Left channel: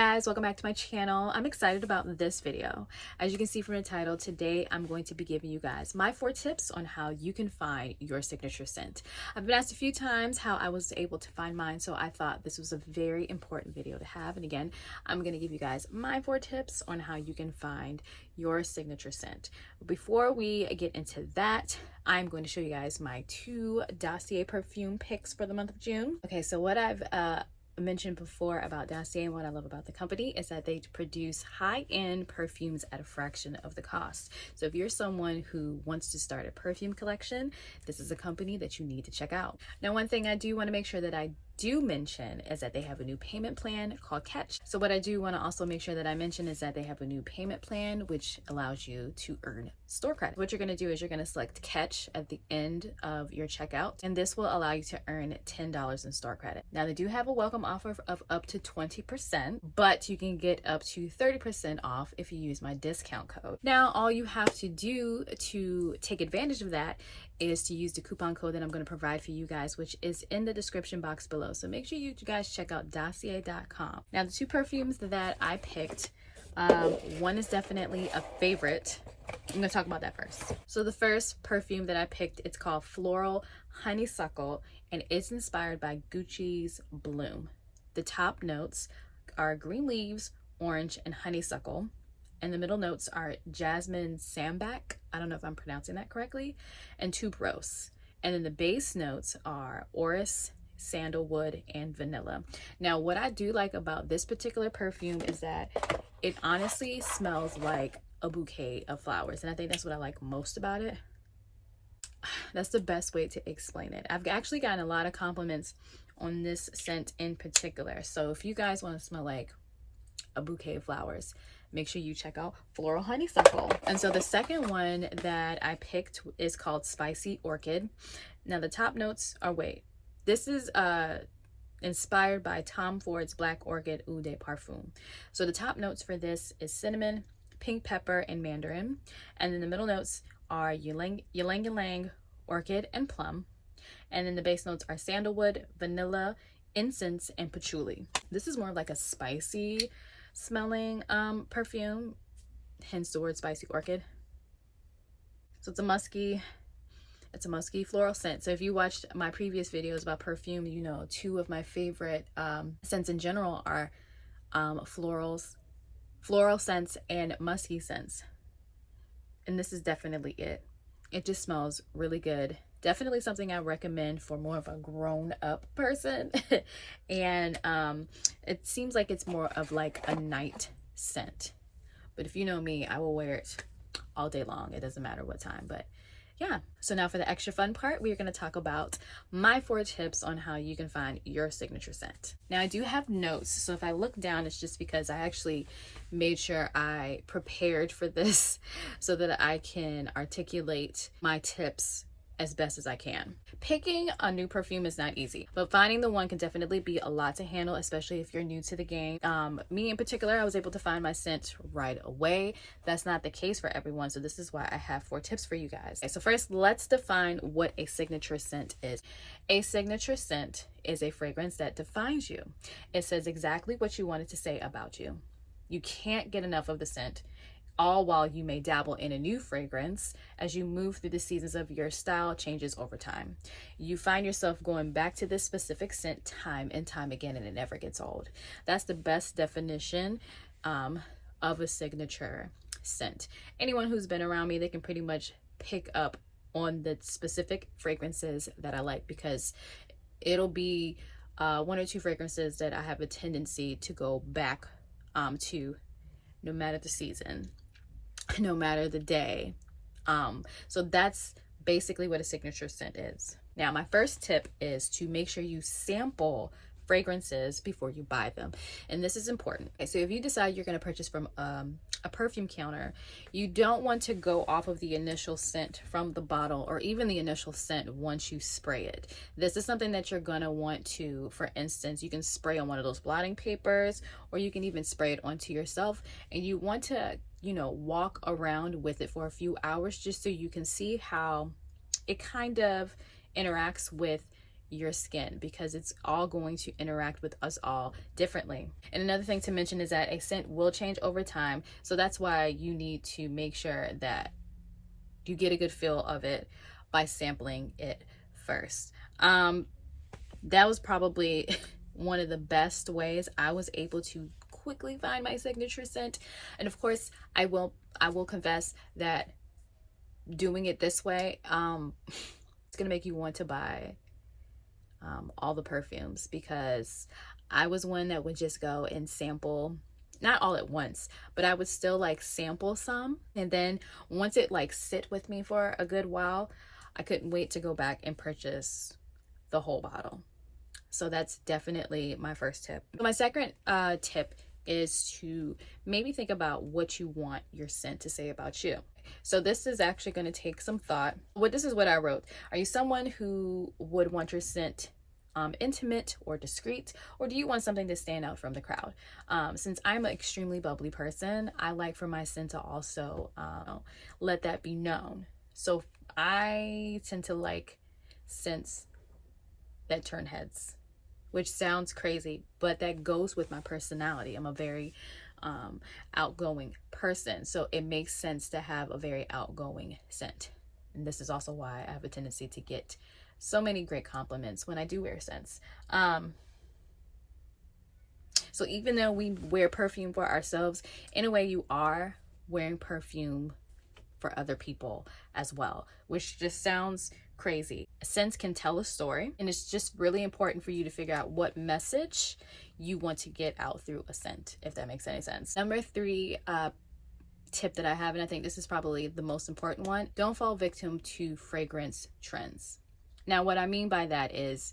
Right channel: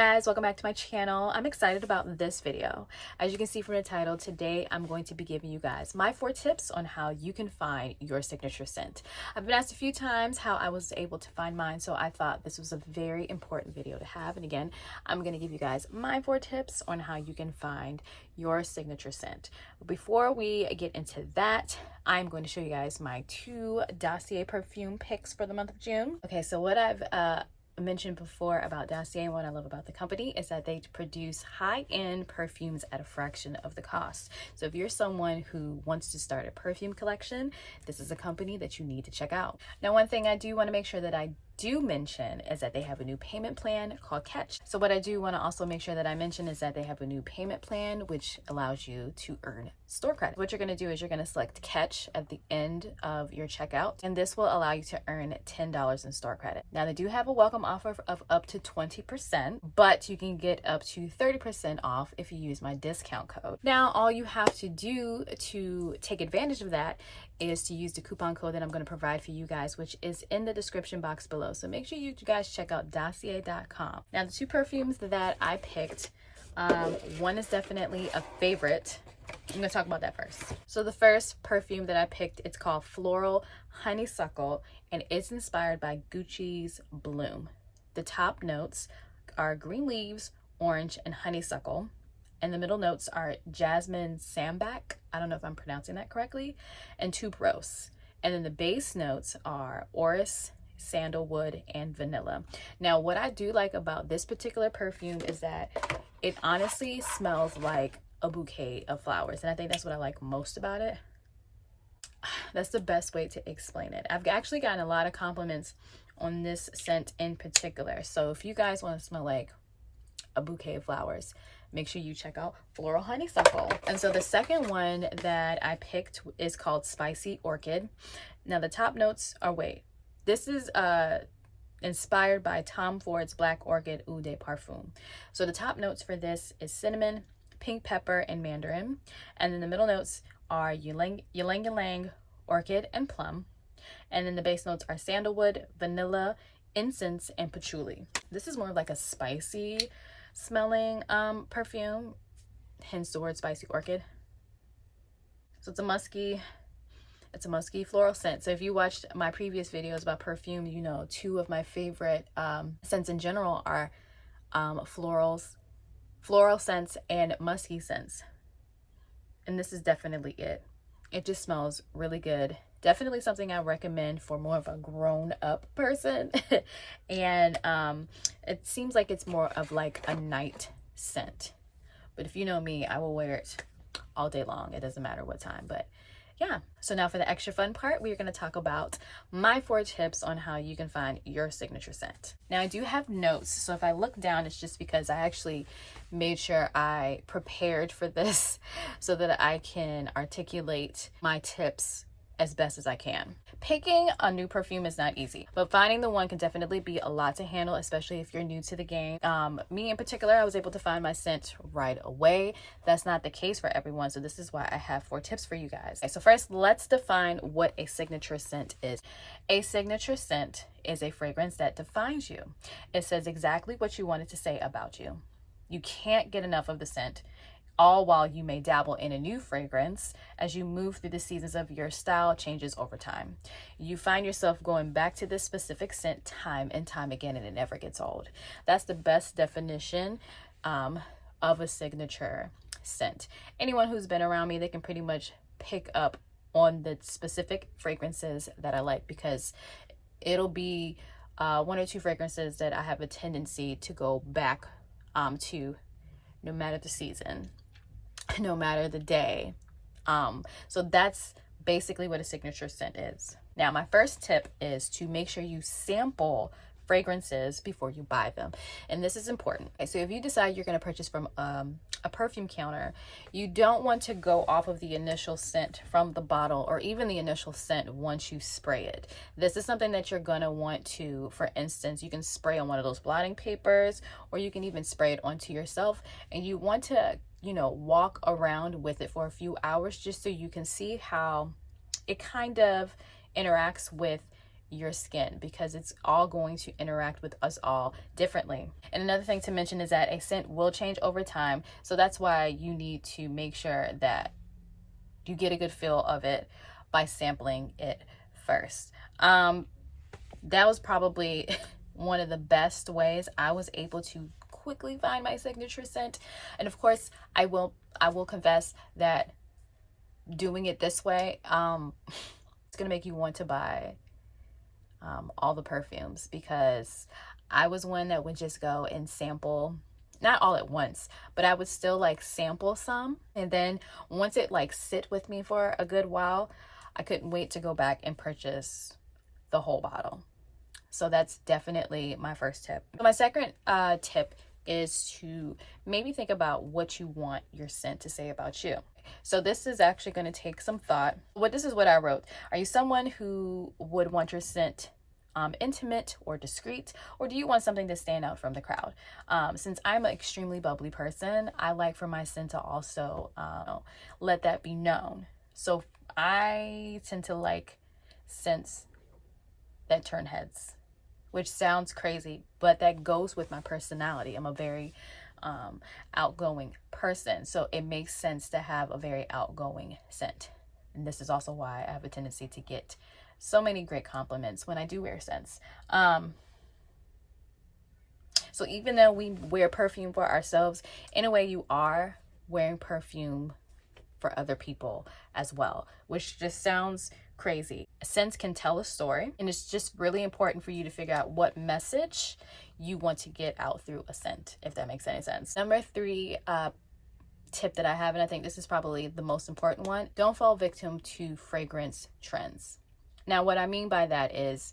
guys, welcome back to my channel. I'm excited about this video. As you can see from the title, today I'm going to be giving you guys my 4 tips on how you can find your signature scent. I've been asked a few times how I was able to find mine, so I thought this was a very important video to have. And again, I'm going to give you guys my 4 tips on how you can find your signature scent. Before we get into that, I'm going to show you guys my 2 Dossier perfume picks for the month of June. Okay, so what I've mentioned before about Dossier and what I love about the company is that they produce high-end perfumes at a fraction of the cost. So if you're someone who wants to start a perfume collection, this is a company that you need to check out. Now, one thing I do want to make sure that I do mention is that they have a new payment plan called Catch. So what I do want to also make sure that I mention is that they have a new payment plan which allows you to earn store credit. What you're going to do is you're going to select Catch at the end of your checkout, and this will allow you to earn $10 in store credit. Now, they do have a welcome offer of up to 20%, but you can get up to 30% off if you use my discount code. Now, all you have to do to take advantage of that is to use the coupon code that I'm going to provide for you guys, which is in the description box below. So make sure you guys check out dossier.com. Now, the 2 perfumes that I picked, one is definitely a favorite. I'm going to talk about that first. So the first perfume that I picked, it's called Floral Honeysuckle, and it's inspired by Gucci's Bloom. The top notes are green leaves, orange, and honeysuckle. And the middle notes are jasmine sambac, I don't know if I'm pronouncing that correctly, and tuberose. And then the base notes are orris, sandalwood, and vanilla. Now, what I do like about this particular perfume is that it honestly smells like a bouquet of flowers. And I think that's what I like most about it. That's the best way to explain it. I've actually gotten a lot of compliments on this scent in particular. So if you guys want to smell like a bouquet of flowers, make sure you check out Floral Honeysuckle. And so the second one that I picked is called Spicy Orchid. Now the top notes are, this is inspired by Tom Ford's Black Orchid Eau de Parfum. So the top notes for this is cinnamon, pink pepper, and mandarin. And then the middle notes are ylang ylang, orchid, and plum. And then the base notes are sandalwood, vanilla, incense, and patchouli. This is more of like a spicy smelling perfume, hence the word Spicy Orchid. So it's a musky floral scent. So if you watched my previous videos about perfume, you know 2 of my favorite scents in general are floral scents and musky scents, and this is definitely it. It just smells really good. Definitely something I recommend for more of a grown-up person. And it seems like it's more of like a night scent. But if you know me, I will wear it all day long. It doesn't matter what time. But yeah. So now for the extra fun part, we are going to talk about my 4 tips on how you can find your signature scent. Now, I do have notes. So if I look down, it's just because I actually made sure I prepared for this so that I can articulate my tips as best as I can. Picking a new perfume is not easy, but finding the one can definitely be a lot to handle, especially if you're new to the game. Me in particular, I was able to find my scent right away. That's not the case for everyone, so this is why I have 4 tips for you guys. Okay, so first, let's define what a signature scent is. A signature scent is a fragrance that defines you. It says exactly what you want it to say about you. You can't get enough of the scent, all while you may dabble in a new fragrance as you move through the seasons of your style changes over time. You find yourself going back to this specific scent time and time again, and it never gets old. That's the best definition of a signature scent. Anyone who's been around me, they can pretty much pick up on the specific fragrances that I like, because it'll be 1 or 2 fragrances that I have a tendency to go back to, no matter the season, no matter the day. So that's basically what a signature scent is. Now, my first tip is to make sure you sample fragrances before you buy them, and this is important. Okay, so if you decide you're going to purchase from a perfume counter, you don't want to go off of the initial scent from the bottle, or even the initial scent once you spray it. This is something that you're going to want to, for instance, you can spray on one of those blotting papers, or you can even spray it onto yourself, and you want to, you know, walk around with it for a few hours just so you can see how it kind of interacts with your skin, because it's all going to interact with us all differently. And another thing to mention is that a scent will change over time. So that's why you need to make sure that you get a good feel of it by sampling it first. That was probably one of the best ways I was able to quickly find my signature scent. And of course, I will confess that doing it this way, it's gonna make you want to buy all the perfumes, because I was one that would just go and sample, not all at once, but I would still like sample some, and then once it like sit with me for a good while, I couldn't wait to go back and purchase the whole bottle. So that's definitely my first tip. My second tip is to maybe think about what you want your scent to say about you. So this is actually going to take some thought. This is what I wrote. Are you someone who would want your scent intimate or discreet, or do you want something to stand out from the crowd? Since I'm an extremely bubbly person, I like for my scent to also let that be known. So I tend to like scents that turn heads, which sounds crazy, but that goes with my personality. I'm a very outgoing person, so it makes sense to have a very outgoing scent. And this is also why I have a tendency to get so many great compliments when I do wear scents. So even though we wear perfume for ourselves, in a way you are wearing perfume for other people as well, which just sounds crazy. Scents can tell a story, and it's just really important for you to figure out what message you want to get out through a scent, if that makes any sense. Number 3 tip that I have, and I think this is probably the most important one: don't fall victim to fragrance trends. Now, what I mean by that is,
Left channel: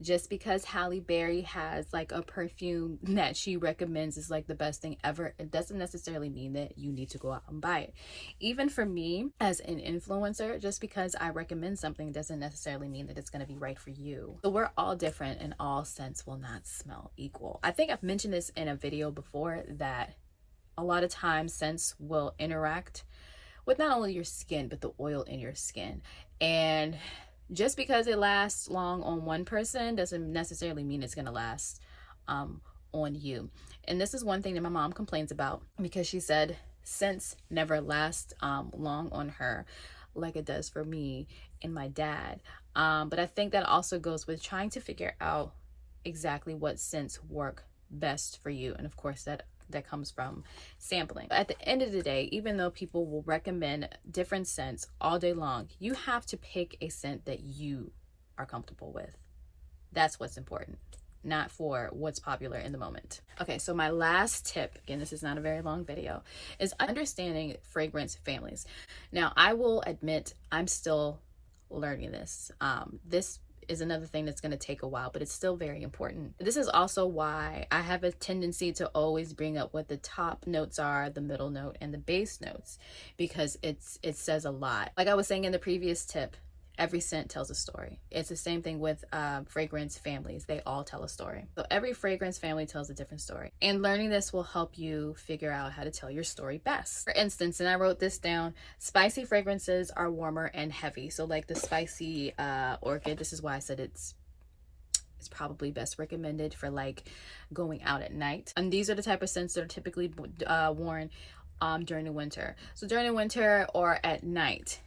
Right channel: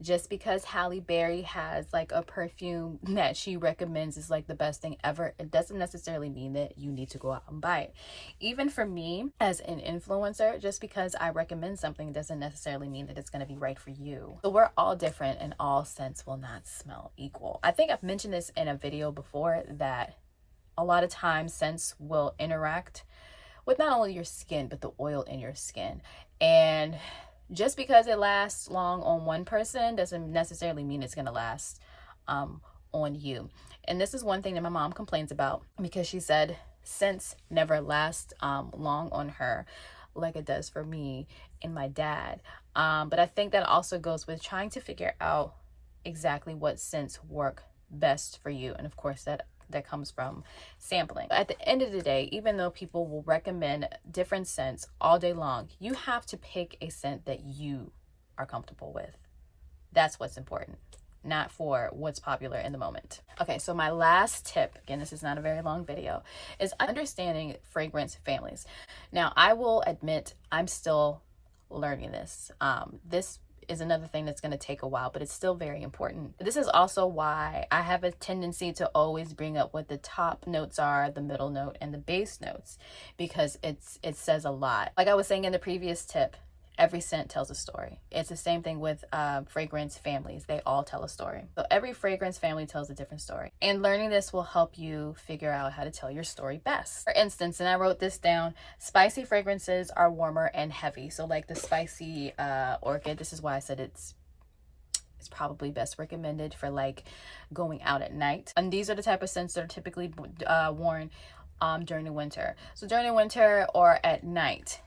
just because Halle Berry has like a perfume that she recommends is like the best thing ever, it doesn't necessarily mean that you need to go out and buy it. Even for me as an influencer, just because I recommend something doesn't necessarily mean that it's going to be right for you. So we're all different, and all scents will not smell equal. I think I've mentioned this in a video before, that a lot of times scents will interact with not only your skin, but the oil in your skin. And just because it lasts long on one person doesn't necessarily mean it's going to last on you. And this is one thing that my mom complains about, because she said scents never last long on her like it does for me and my dad. But I think that also goes with trying to figure out exactly what scents work best for you. And of course, that comes from sampling. At the end of the day, even though people will recommend different scents all day long, you have to pick a scent that you are comfortable with. That's what's important, not for what's popular in the moment. Okay, so my last tip, again, this is not a very long video, is understanding fragrance families. Now, I will admit I'm still learning this. This is another thing that's going to take a while, but it's still very important. This is also why I have a tendency to always bring up what the top notes are, the middle note, and the base notes, because it says a lot. Like I was saying in the previous tip, every scent tells a story. It's the same thing with fragrance families. They all tell a story. So every fragrance family tells a different story. And learning this will help you figure out how to tell your story best. For instance, and I wrote this down, spicy fragrances are warmer and heavy. So like the spicy orchid, this is why I said it's probably best recommended for like going out at night. And these are the type of scents that are typically worn during the winter. So during the winter or at night,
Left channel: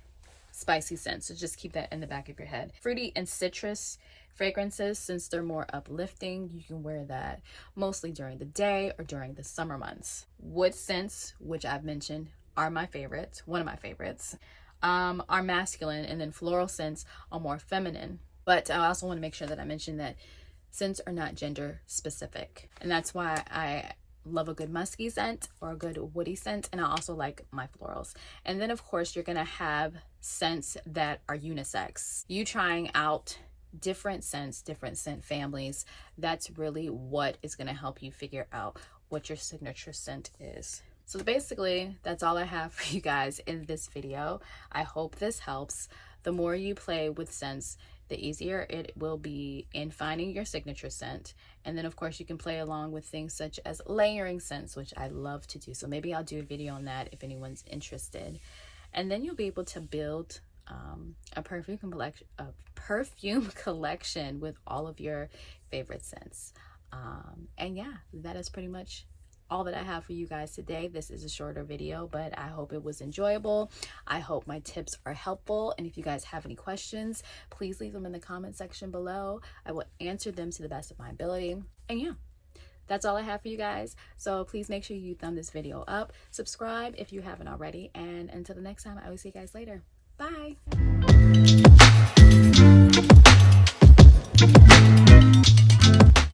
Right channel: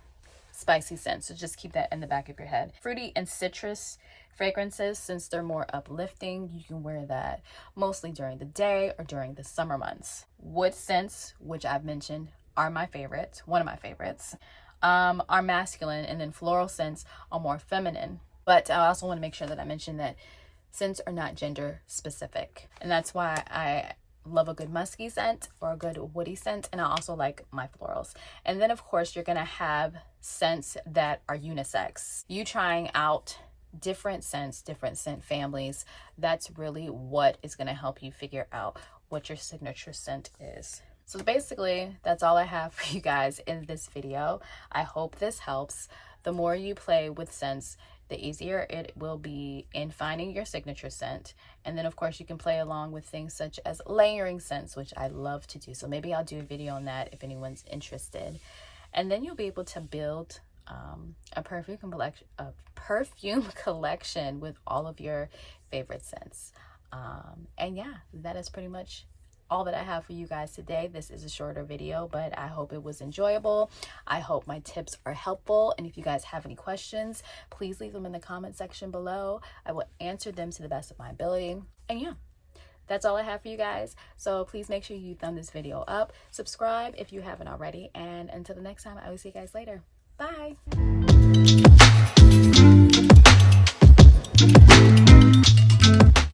spicy scents. So just keep that in the back of your head. Fruity and citrus fragrances, since they're more uplifting, you can wear that mostly during the day or during the summer months. Wood scents, which I've mentioned, are my favorites. One of my favorites are masculine, and then floral scents are more feminine. But I also want to make sure that I mention that scents are not gender specific, and that's why I love a good musky scent or a good woody scent, and I also like my florals. And then of course you're gonna have scents that are unisex. You trying out different scents, different scent families, that's really what is gonna help you figure out what your signature scent is. So basically that's all I have for you guys in this video. I hope this helps. The more you play with scents, the easier it will be in finding your signature scent. And then of course you can play along with things such as layering scents, which I love to do. So maybe I'll do a video on that if anyone's interested. And then you'll be able to build a perfume collection with all of your favorite scents. And yeah, that is pretty much all that I have for you guys today. This is a shorter video, but I hope it was enjoyable. I hope my tips are helpful. And if you guys have any questions, please leave them in the comment section below. I will answer them to the best of my ability. And yeah, that's all I have for you guys. So please make sure you thumb this video up, subscribe if you haven't already. And until the next time, I will see you guys later. Bye.